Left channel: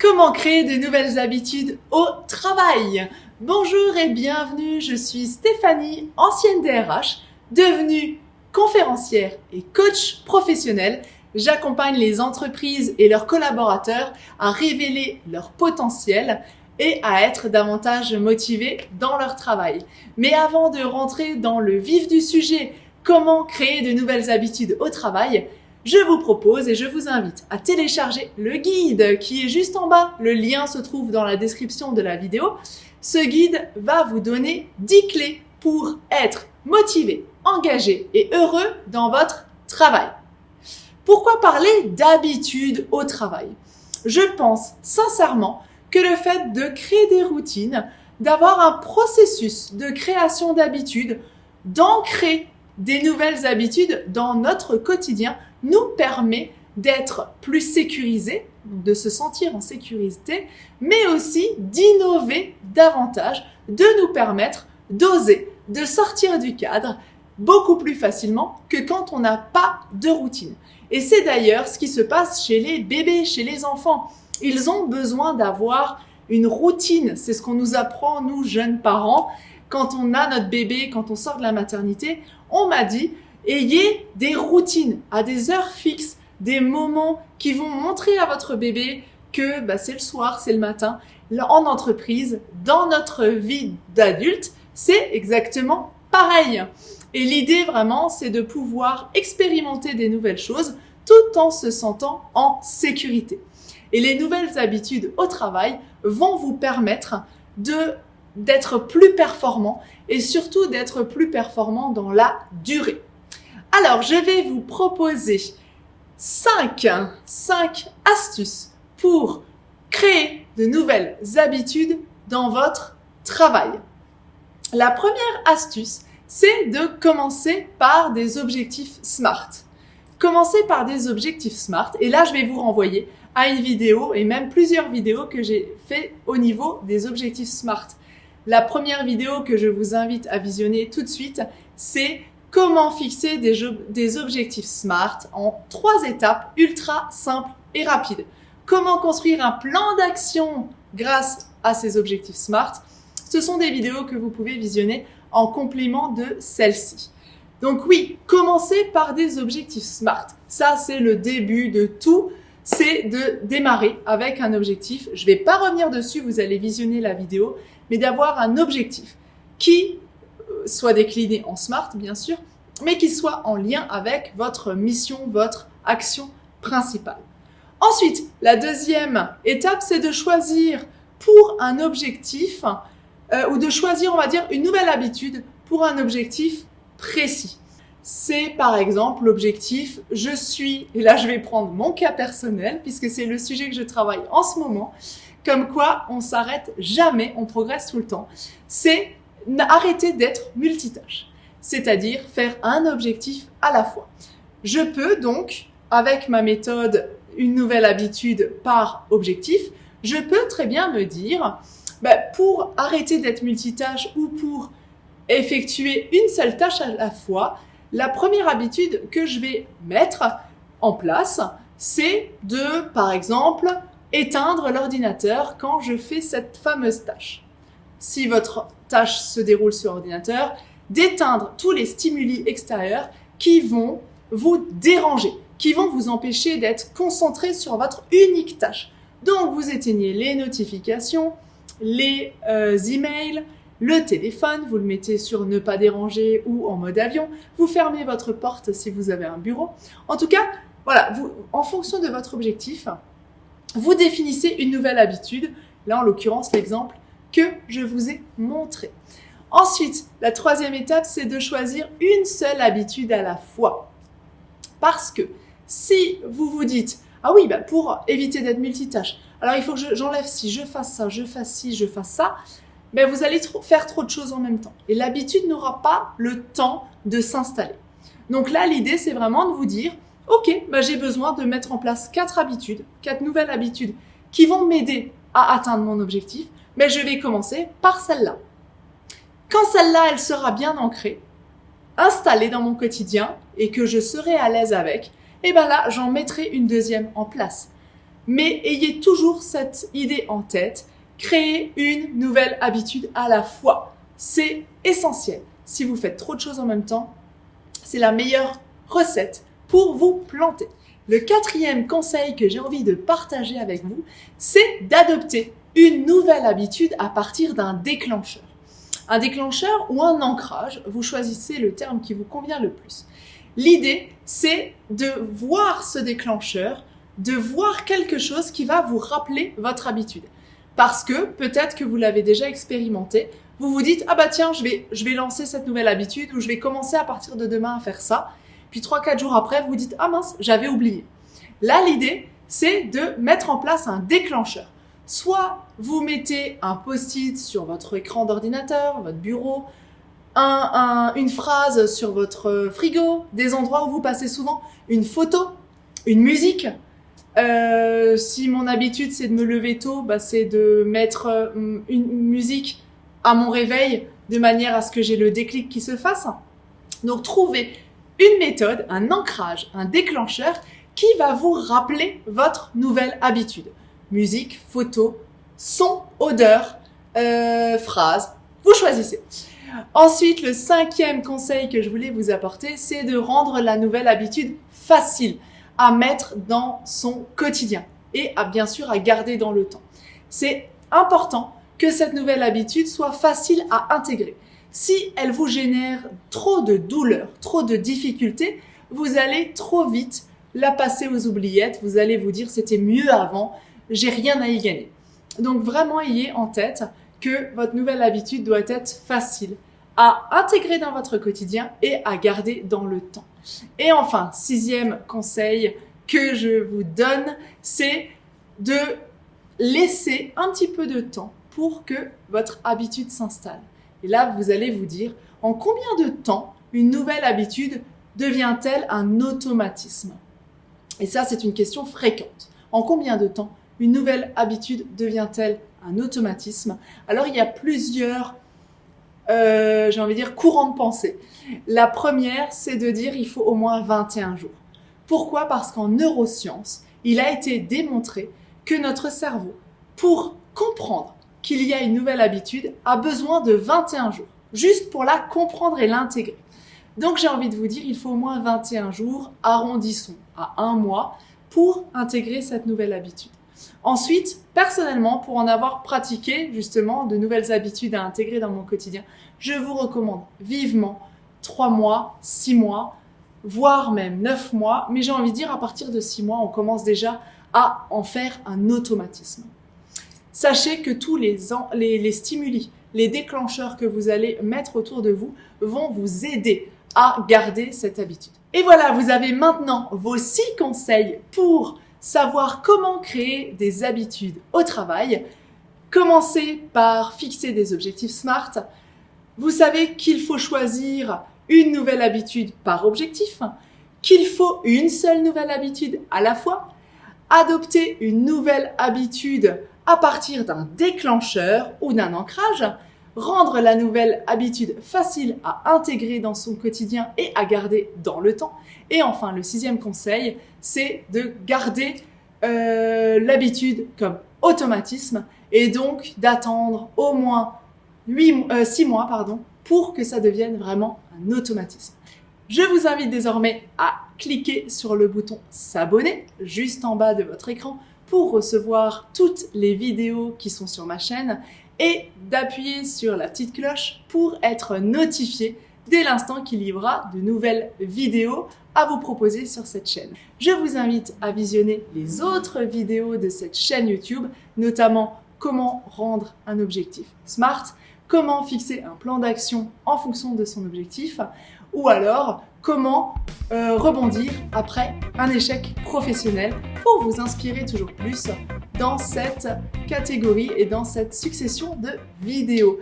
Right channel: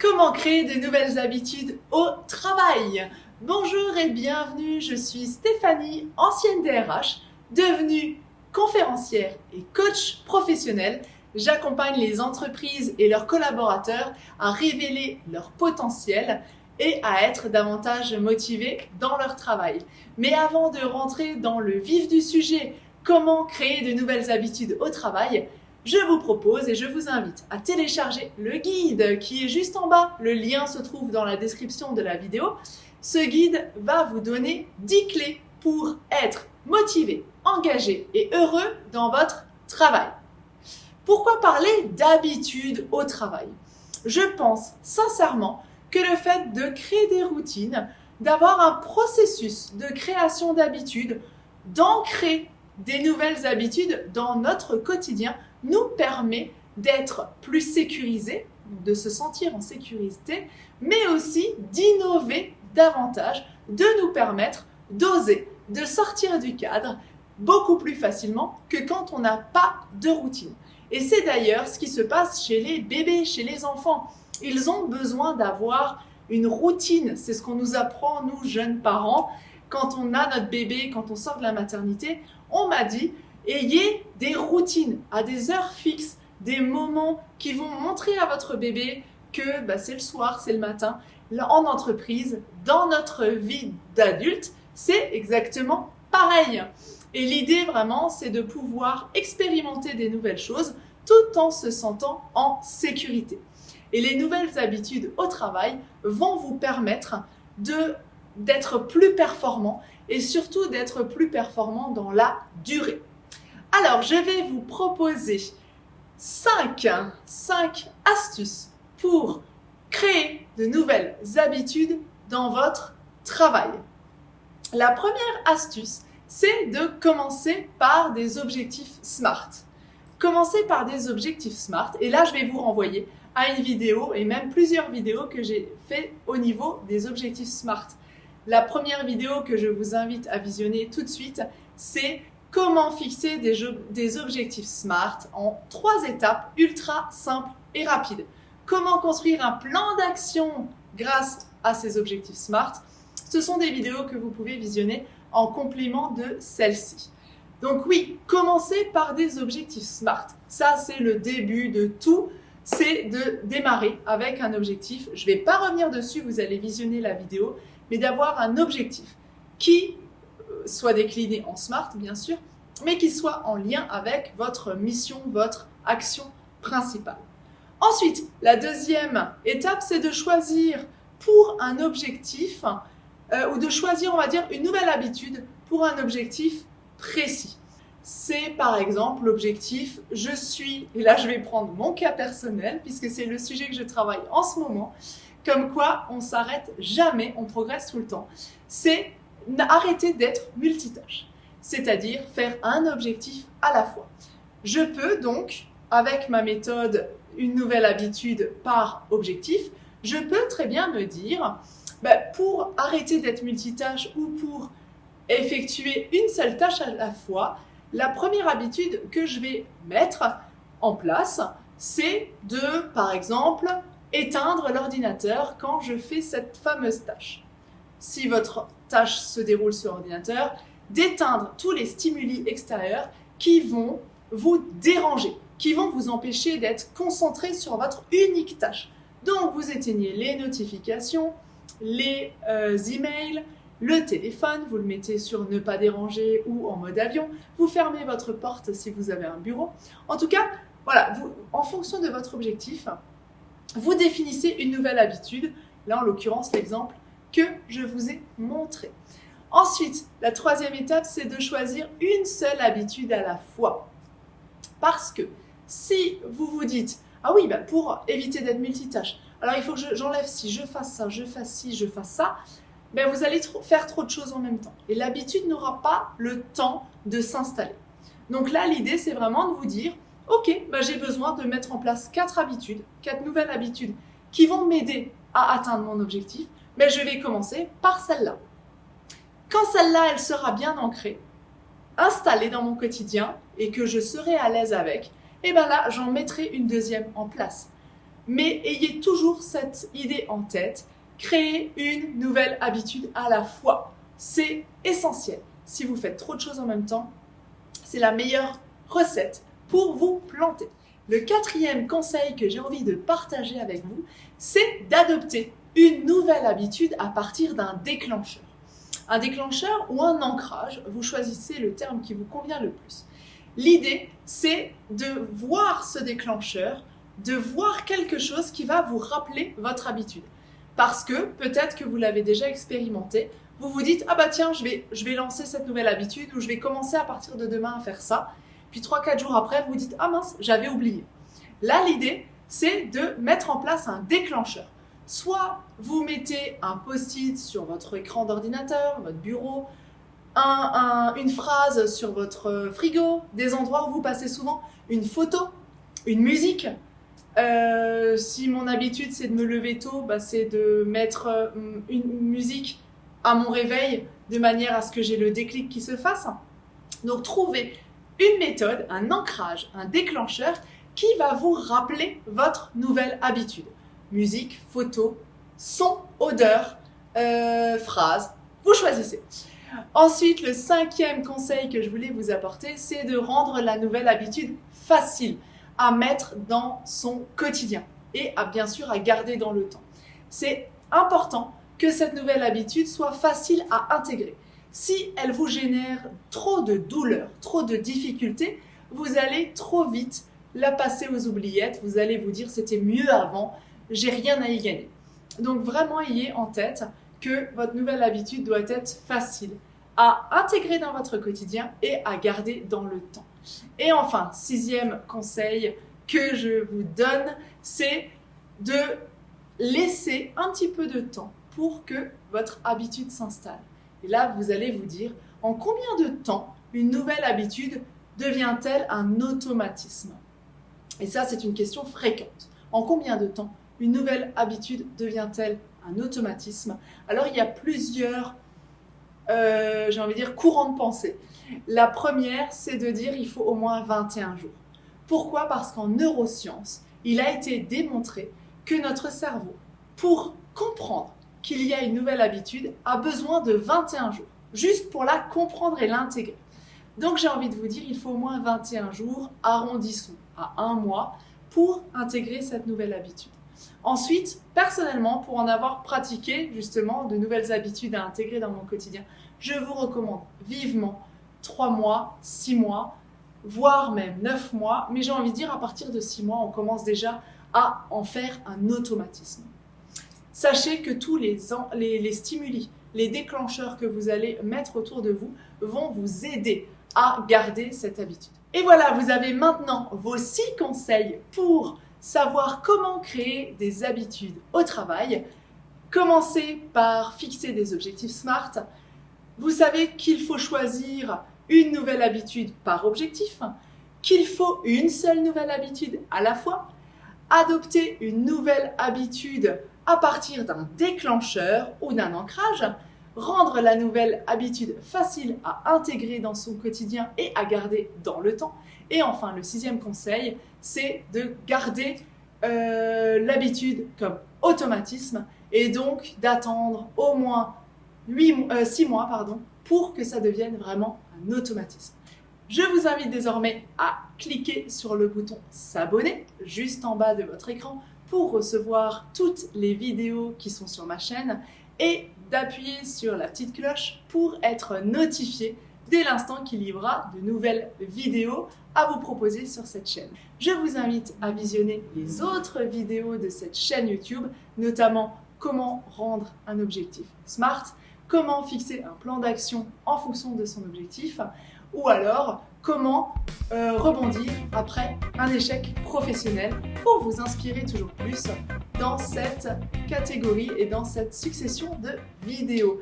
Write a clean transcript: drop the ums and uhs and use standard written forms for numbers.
Comment créer de nouvelles habitudes au travail? Bonjour et bienvenue, je suis Stéphanie, ancienne DRH, devenue conférencière et coach professionnel. J'accompagne les entreprises et leurs collaborateurs à révéler leur potentiel et à être davantage motivés dans leur travail. Mais avant de rentrer dans le vif du sujet, comment créer de nouvelles habitudes au travail, je vous propose et je vous invite à télécharger le guide qui est juste en bas. Le lien se trouve dans la description de la vidéo. Ce guide va vous donner 10 clés pour être motivé, engagé et heureux dans votre travail. Pourquoi parler d'habitude au travail? Je pense sincèrement que le fait de créer des routines, d'avoir un processus de création d'habitudes, d'ancrer des nouvelles habitudes dans notre quotidien nous permet d'être plus sécurisés, de se sentir en sécurité, mais aussi d'innover davantage, de nous permettre d'oser, de sortir du cadre beaucoup plus facilement que quand on n'a pas de routine. Et c'est d'ailleurs ce qui se passe chez les bébés, chez les enfants. Ils ont besoin d'avoir une routine. C'est ce qu'on nous apprend, nous, jeunes parents. Quand on a notre bébé, quand on sort de la maternité, on m'a dit ayez des routines à des heures fixes, des moments qui vont montrer à votre bébé que c'est le soir, c'est le matin. En entreprise, dans notre vie d'adulte, c'est exactement pareil. Et l'idée vraiment, c'est de pouvoir expérimenter des nouvelles choses tout en se sentant en sécurité. Et les nouvelles habitudes au travail vont vous permettre d'être plus performant et surtout d'être plus performant dans la durée. Alors, je vais vous proposer 5 astuces pour créer de nouvelles habitudes dans votre travail. La première astuce, c'est de commencer par des objectifs SMART. Commencez par des objectifs SMART et là, je vais vous renvoyer à une vidéo et même plusieurs vidéos que j'ai fait au niveau des objectifs SMART. La première vidéo que je vous invite à visionner tout de suite, c'est comment fixer des objectifs SMART en 3 étapes ultra simples et rapides. Comment construire un plan d'action grâce à ces objectifs SMART. Ce sont des vidéos que vous pouvez visionner en complément de celle-ci. Donc oui, commencez par des objectifs SMART. Ça, c'est le début de tout. C'est de démarrer avec un objectif. Je ne vais pas revenir dessus, vous allez visionner la vidéo, mais d'avoir un objectif qui soit décliné en SMART, bien sûr, mais qui soit en lien avec votre mission, votre action principale. Ensuite, la deuxième étape, c'est de choisir pour un objectif, ou de choisir, on va dire, une nouvelle habitude pour un objectif précis. C'est par exemple l'objectif, et là je vais prendre mon cas personnel, puisque c'est le sujet que je travaille en ce moment, comme quoi on ne s'arrête jamais, on progresse tout le temps, c'est arrêter d'être multitâche, c'est-à-dire faire un objectif à la fois. Je peux donc, avec ma méthode, une nouvelle habitude par objectif, je peux très bien me dire, pour arrêter d'être multitâche ou pour effectuer une seule tâche à la fois, la première habitude que je vais mettre en place, c'est de, par exemple, éteindre l'ordinateur quand je fais cette fameuse tâche. Si votre tâche se déroule sur ordinateur, d'éteindre tous les stimuli extérieurs qui vont vous déranger, qui vont vous empêcher d'être concentré sur votre unique tâche. Donc, vous éteignez les notifications, les emails, le téléphone, vous le mettez sur ne pas déranger ou en mode avion, vous fermez votre porte si vous avez un bureau. En tout cas, voilà, en fonction de votre objectif, vous définissez une nouvelle habitude, là en l'occurrence l'exemple que je vous ai montré. Ensuite, la troisième étape, c'est de choisir une seule habitude à la fois. Parce que si vous vous dites, ah oui, pour éviter d'être multitâche, alors il faut que j'enlève ci, je fasse ça, je fasse ci, je fasse ça, vous allez faire trop de choses en même temps. Et l'habitude n'aura pas le temps de s'installer. Donc là, l'idée, c'est vraiment de vous dire, ok, j'ai besoin de mettre en place 4 nouvelles habitudes qui vont m'aider à atteindre mon objectif. Je vais commencer par celle-là. Quand celle-là, elle sera bien ancrée, installée dans mon quotidien et que je serai à l'aise avec, là, j'en mettrai une deuxième en place. Mais ayez toujours cette idée en tête, créer une nouvelle habitude à la fois. C'est essentiel. Si vous faites trop de choses en même temps, c'est la meilleure recette pour vous planter. Le quatrième conseil que j'ai envie de partager avec vous, c'est d'adopter une nouvelle habitude à partir d'un déclencheur. Un déclencheur ou un ancrage, vous choisissez le terme qui vous convient le plus. L'idée, c'est de voir ce déclencheur, de voir quelque chose qui va vous rappeler votre habitude. Parce que peut-être que vous l'avez déjà expérimenté, vous vous dites « Ah bah tiens, je vais lancer cette nouvelle habitude ou je vais commencer à partir de demain à faire ça. » Puis 3-4 jours après, vous dites « Ah mince, j'avais oublié. » Là, l'idée, c'est de mettre en place un déclencheur. Soit vous mettez un post-it sur votre écran d'ordinateur, votre bureau, une phrase sur votre frigo, des endroits où vous passez souvent, une photo, une musique. Si mon habitude c'est de me lever tôt, c'est de mettre une musique à mon réveil de manière à ce que j'ai le déclic qui se fasse. Donc trouvez une méthode, un ancrage, un déclencheur qui va vous rappeler votre nouvelle habitude. Musique, photo, son, odeur, phrase, vous choisissez. Ensuite, le 5e conseil que je voulais vous apporter, c'est de rendre la nouvelle habitude facile à mettre dans son quotidien et bien sûr à garder dans le temps. C'est important que cette nouvelle habitude soit facile à intégrer. Si elle vous génère trop de douleur, trop de difficultés, vous allez trop vite la passer aux oubliettes, vous allez vous dire c'était mieux avant, j'ai rien à y gagner. Donc vraiment ayez en tête que votre nouvelle habitude doit être facile à intégrer dans votre quotidien et à garder dans le temps. Et enfin, 6e conseil que je vous donne, c'est de laisser un petit peu de temps pour que votre habitude s'installe. Et là, vous allez vous dire, en combien de temps une nouvelle habitude devient-elle un automatisme? Et ça, c'est une question fréquente. En combien de temps une nouvelle habitude devient-elle un automatisme? Alors, il y a plusieurs, courants de pensée. La première, c'est de dire il faut au moins 21 jours. Pourquoi? Parce qu'en neurosciences, il a été démontré que notre cerveau, pour comprendre qu'il y a une nouvelle habitude, a besoin de 21 jours, juste pour la comprendre et l'intégrer. Donc j'ai envie de vous dire, il faut au moins 21 jours, arrondissons à 1 mois, pour intégrer cette nouvelle habitude. Ensuite, personnellement, pour en avoir pratiqué justement de nouvelles habitudes à intégrer dans mon quotidien, je vous recommande vivement 3 mois, 6 mois, voire même 9 mois, mais j'ai envie de dire à partir de 6 mois, on commence déjà à en faire un automatisme. Sachez que tous les stimuli, les déclencheurs que vous allez mettre autour de vous vont vous aider à garder cette habitude. Et voilà, vous avez maintenant vos 6 conseils pour savoir comment créer des habitudes au travail. Commencez par fixer des objectifs SMART. Vous savez qu'il faut choisir une nouvelle habitude par objectif, qu'il faut une seule nouvelle habitude à la fois, adopter une nouvelle habitude à partir d'un déclencheur ou d'un ancrage, rendre la nouvelle habitude facile à intégrer dans son quotidien et à garder dans le temps. Et enfin, le 6e conseil, c'est de garder l'habitude comme automatisme et donc d'attendre au moins 6 mois pour que ça devienne vraiment un automatisme. Je vous invite désormais à cliquer sur le bouton s'abonner juste en bas de votre écran pour recevoir toutes les vidéos qui sont sur ma chaîne et d'appuyer sur la petite cloche pour être notifié dès l'instant qu'il y aura de nouvelles vidéos à vous proposer sur cette chaîne. Je vous invite à visionner les autres vidéos de cette chaîne YouTube, notamment comment rendre un objectif SMART, comment fixer un plan d'action en fonction de son objectif, ou alors comment rebondir après un échec professionnel pour vous inspirer toujours plus dans cette catégorie et dans cette succession de vidéos.